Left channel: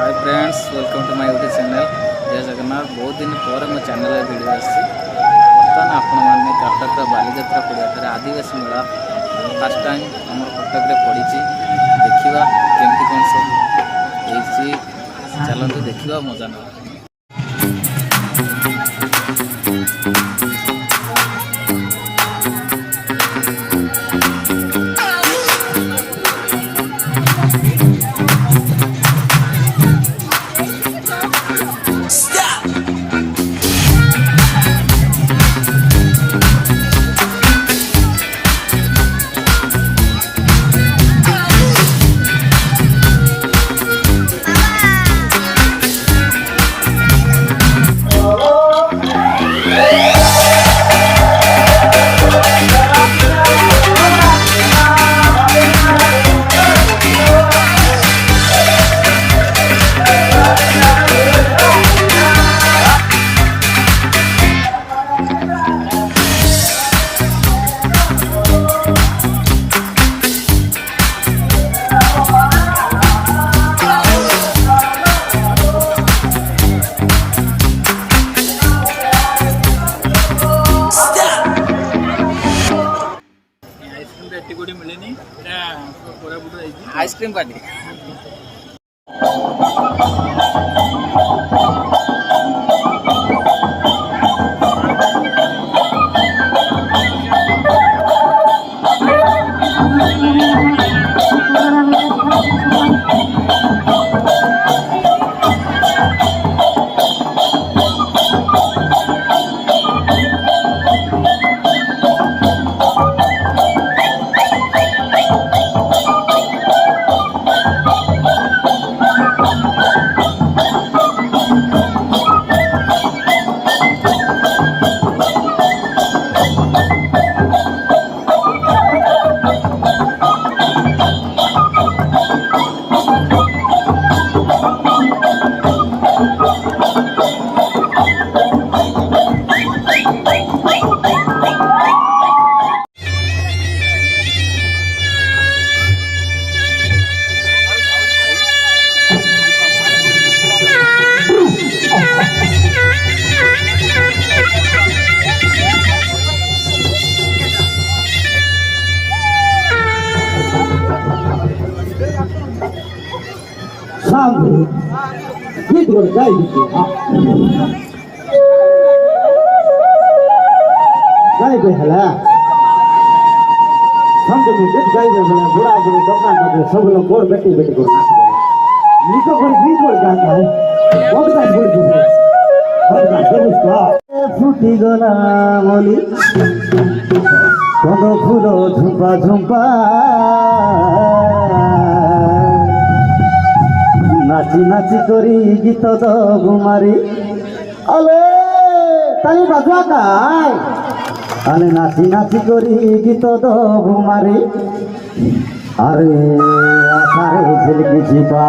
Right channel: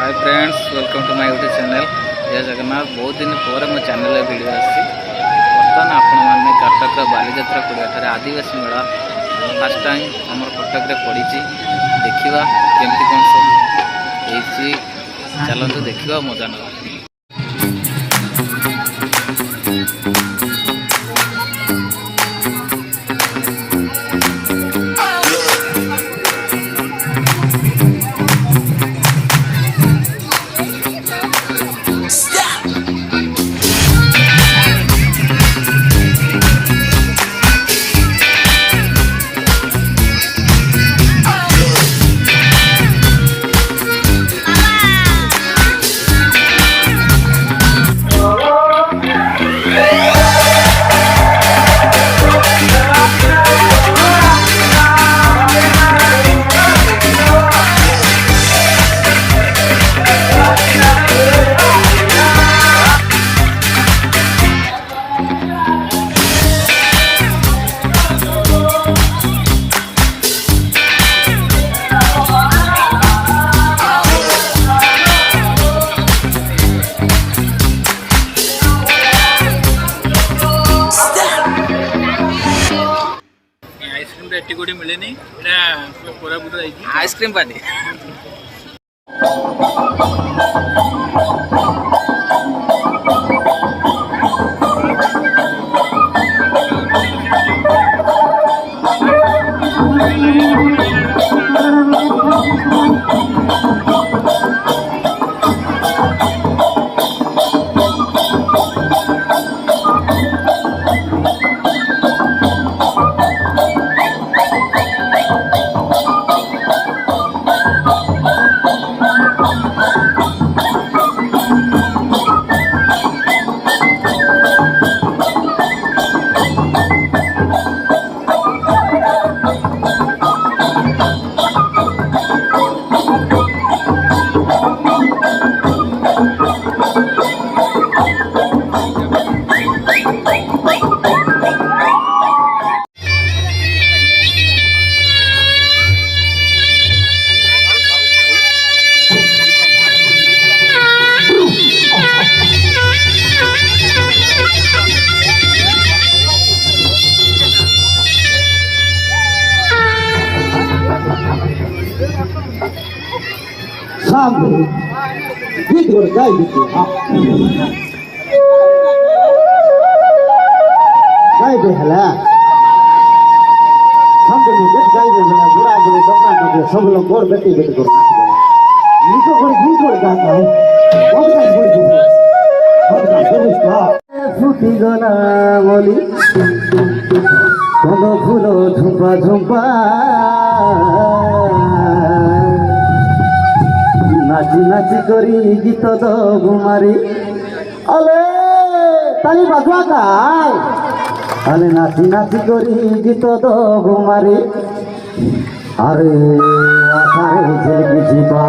Hi friends, welcome to my YouTube channel जय जगन्नाथ। बहुत दिन पर मो चैनल वीडियो आसी बर्तमान आपण मैंने कटक बालीजात्रा पड़िया आदिवासी मेला फास्ट टाइम आम कटक पड़ी देखा केमती कौन सब चलते देखा मजा ना। एटी मिले नहीं आइसक्रीम पार्टी गाय बेहला बुढ़ा बुढ़े दौका सब लोग गोर बेटी बेटी को फुटी गला बोली कद फूल झुंपा झुंपा नाची नाची करी गीत दो गुमारी अले ताली बजवा गाय अले नाची नाची करी गीत दो गुमारी अरे आसारे झलकी छिपा